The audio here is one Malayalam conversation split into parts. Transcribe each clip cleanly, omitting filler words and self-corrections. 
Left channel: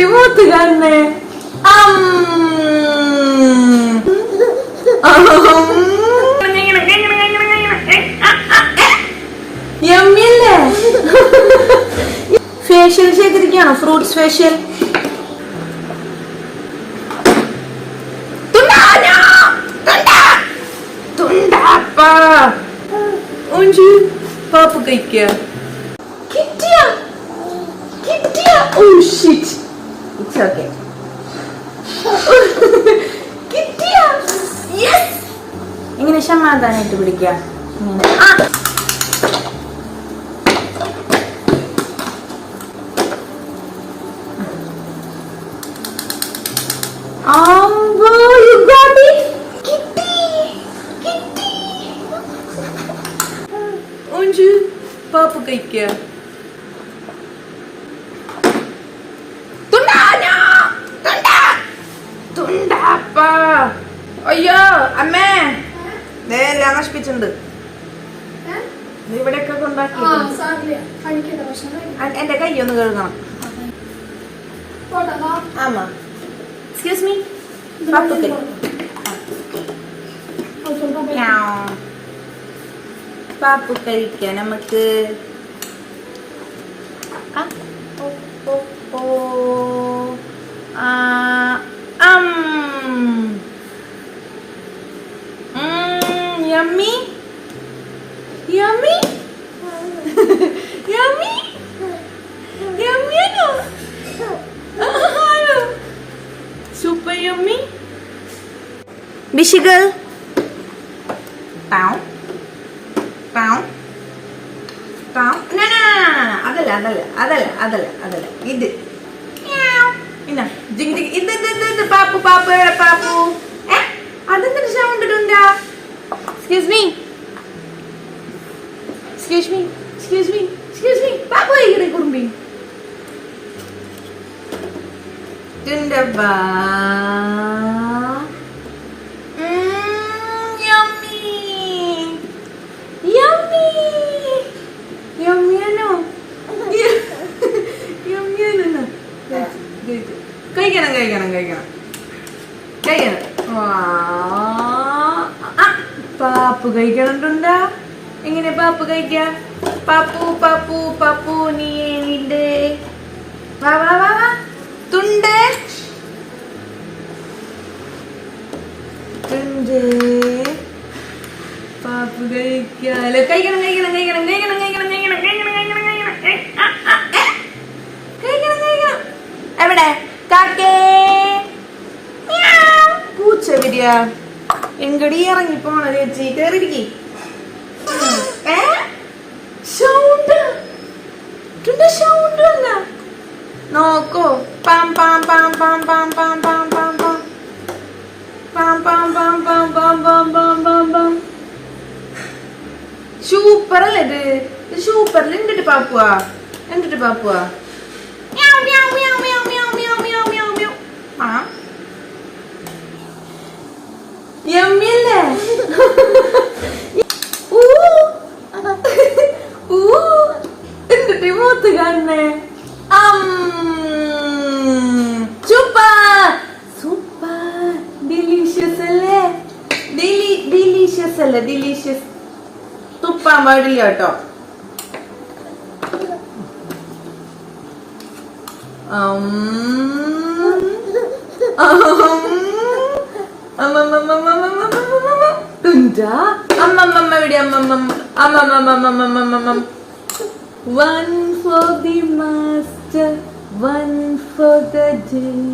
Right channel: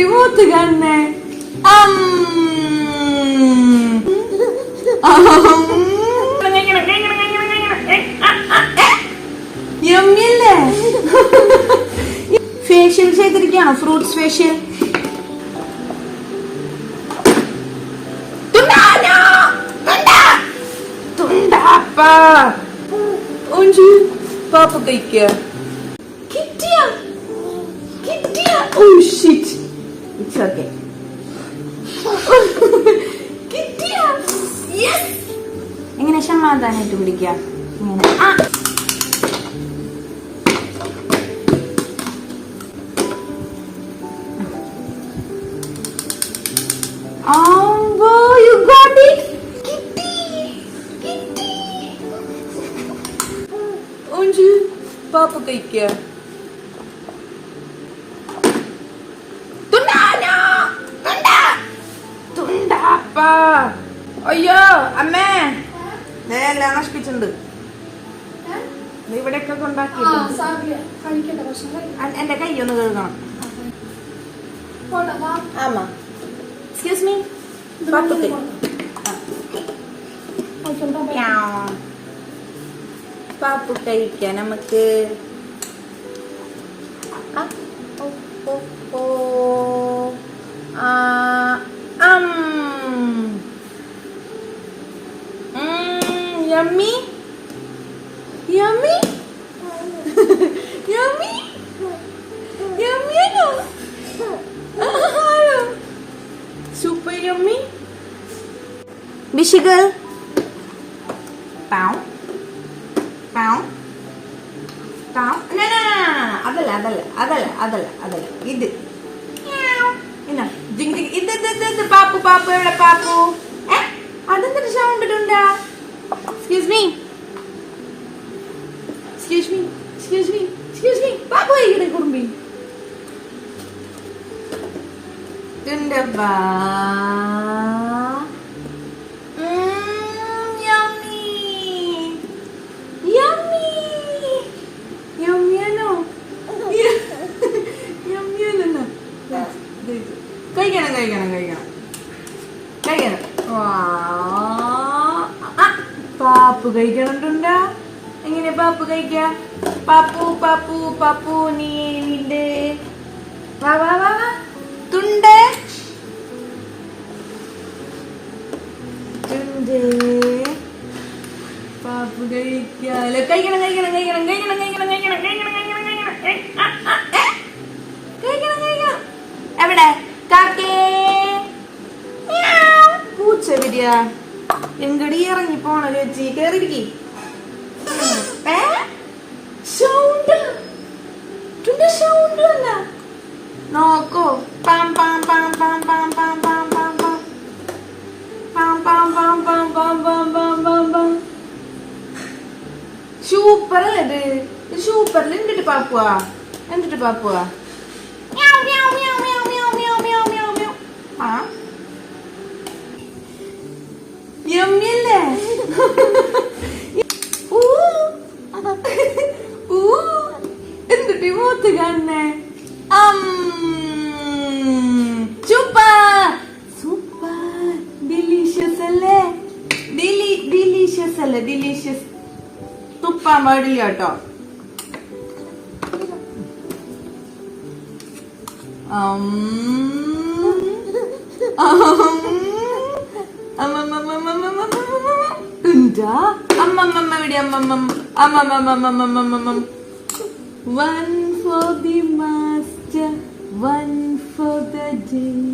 എന്തിട്ട് മൂത്ത് കാണുന്നേ? യമ്മിയല്ലേ? ഫേഷ്യൽ ചെയ്തിരിക്കുകയാണോ? Fruits facial. പാപ്പ കഴിക്കുക. കിട്ടിയ കിട്ടിയ. Oh shit, it's okay. കിട്ടിയ. യെസ്. ഇങ്ങനെ സമാധാനായിട്ട് പിടിക്കുക. ഇങ്ങനെ you got it. കിട്ടി. ഒഞ്ചു പാപ്പ കഴിക്കുക. അയ്യോ അമ്മേ, നേരെല്ലാം നശിപ്പിച്ചിട്ടുണ്ട്. ഇവിടെയൊക്കെ കൊണ്ടാക്കി. എന്റെ കൈ ഒന്ന് കഴുകണം. ആമാ, എക്സ്ക്യൂസ് മീ. പാപ്പ കൈ പാപ്പു കഴിക്കാം നമുക്ക്. യമ്മി യമ്മി യമ്മി യമ്മിയാണോ? Super yummy. ബിഷികൾ പാവ് പാവ് പാവ്. അതല്ല അതല്ല അതല്ല അതല്ല അതല്ല ഇത്. ഇത് പാപ്പു പാപ്പു എവിടെ പാപ്പു? അതെന്തൊരു സൗണ്ട് ഇടുണ്ടാ? Excuse me excuse me excuse me excuse me. പാപ്പു ഇവിടെ കുടുംബി തുണ്ടവാ. കഴിക്കണം കഴിക്കണം കഴിക്കണം കഴിക്കണം. പാപ്പു കഴിക്കണുണ്ടാ? എങ്ങനെ പാപ്പു കഴിക്ക? പാപ്പു പാപ്പു പാപ്പു നീ നിന്റെ വാ വാ വാ വാ. തുണ്ട് തുണ്ട്. പാപ്പു കഴിക്കാലോ. കഴിക്കണം കഴിക്കണം കഴിക്കണം കഴിക്കണം കഴിക്കണം കഴിക്കണം കഴിക്കണം കഴിക്കണം കഴിക്കണം കഴിക്കണം. എവിടെ കാക്കേ? പൂച്ച വരിക. എങ്കടി ഇറങ്ങി പോണ ചേച്ചി. കേറിയിരിക്കി. സൗണ്ട് വന്ന നോക്കോ. Palm palm palm palm palm palm palm palm palm palm palm palm palm palm palm palm palm palm. Super അല്ലേ ഇത്? ഇത് സൂപ്പറിൽ എന്തിട്ട് പാപ്പുവാ? എന്തിട്ട് പാപ്പുവാ? യമ്മിയല്ലേ? എന്തിട്ട് മൂത്ത് കാണുന്നേ? Super super. ഡിലീഷ്യസ് അല്ലേ? ഡിലീഷ്യസ് അല്ലേ? ഡിലീഷ്യസ്. തുപ്പാൻ പാടില്ല കേട്ടോ. One for the master, one for the day,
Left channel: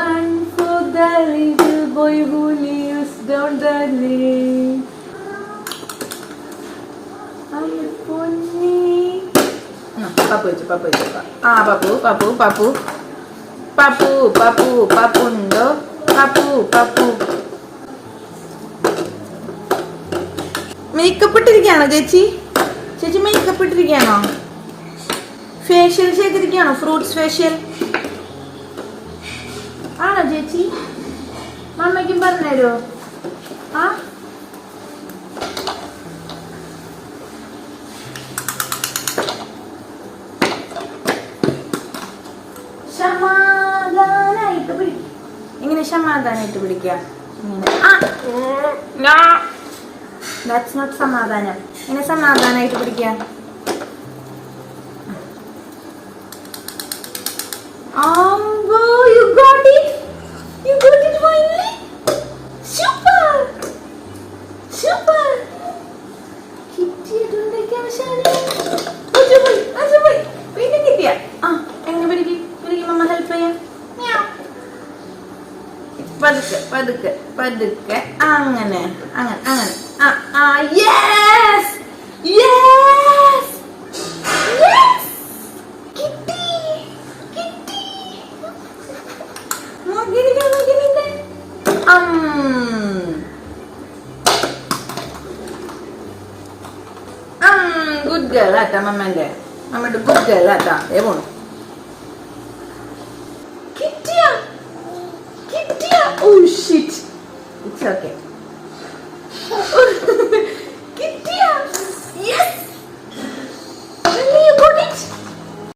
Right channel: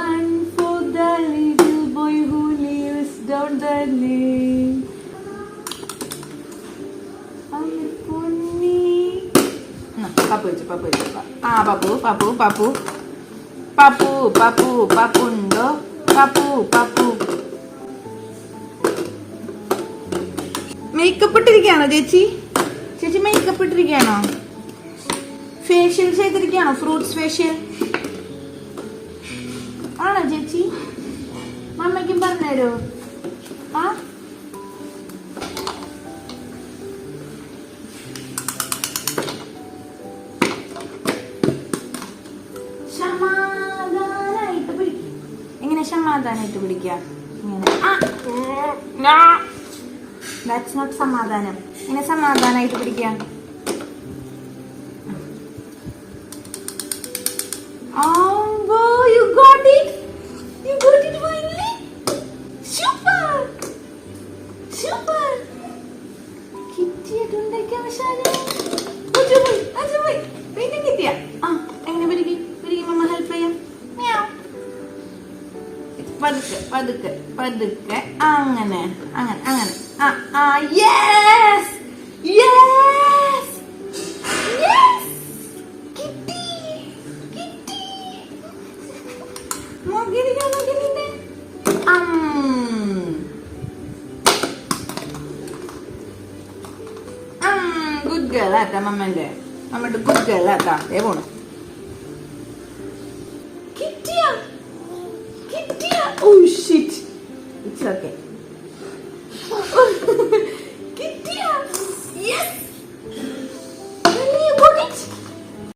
one for the little boy who lives down the lane. Papu itu, papu itu, pak. Papu, papu, papu, papu, papu, papundo, papu, papu. Makeup ഇട്ടിരിക്കുകയാണോ ചേച്ചി? ചേച്ചി മേക്കപ്പ് ഇട്ടിരിക്കുകയാണോ? ഫേഷ്യൽ ചെയ്തിരിക്കുകയാണോ? ഫ്രൂട്ട്സ് ഫേഷ്യൽ ആണോ ചേച്ചി? മമ്മയ്ക്കും പറഞ്ഞുതരോ? ആ ശർമ്മ ഇങ്ങനെ സമാധാനമായിട്ട് പിടിക്കുക. ദാറ്റ്സ് നോട്ട് സമാധാനം. ഇങ്ങനെ സമാധാനമായിട്ട് പിടിക്കുക. You got it. You got it finally. Super. Super. കിട്ടിയിട്ടുണ്ടെങ്കിൽ അവസാനം പോയി വേഗം കിട്ടിയ. എങ്ങനെ പിടിക്കും മമ്മ ഹെൽപ്പ് ചെയ്യാം. പതുക്കെ അങ്ങനെ യെസ് കിട്ടി. ഗുഡ് ഗേൾ ആട്ടാ മമ്മയുടെ ഗുഡ് ഗേൾ ആട്ടാ. പോണു. കിട്ടിയ. Oh shit. It's okay.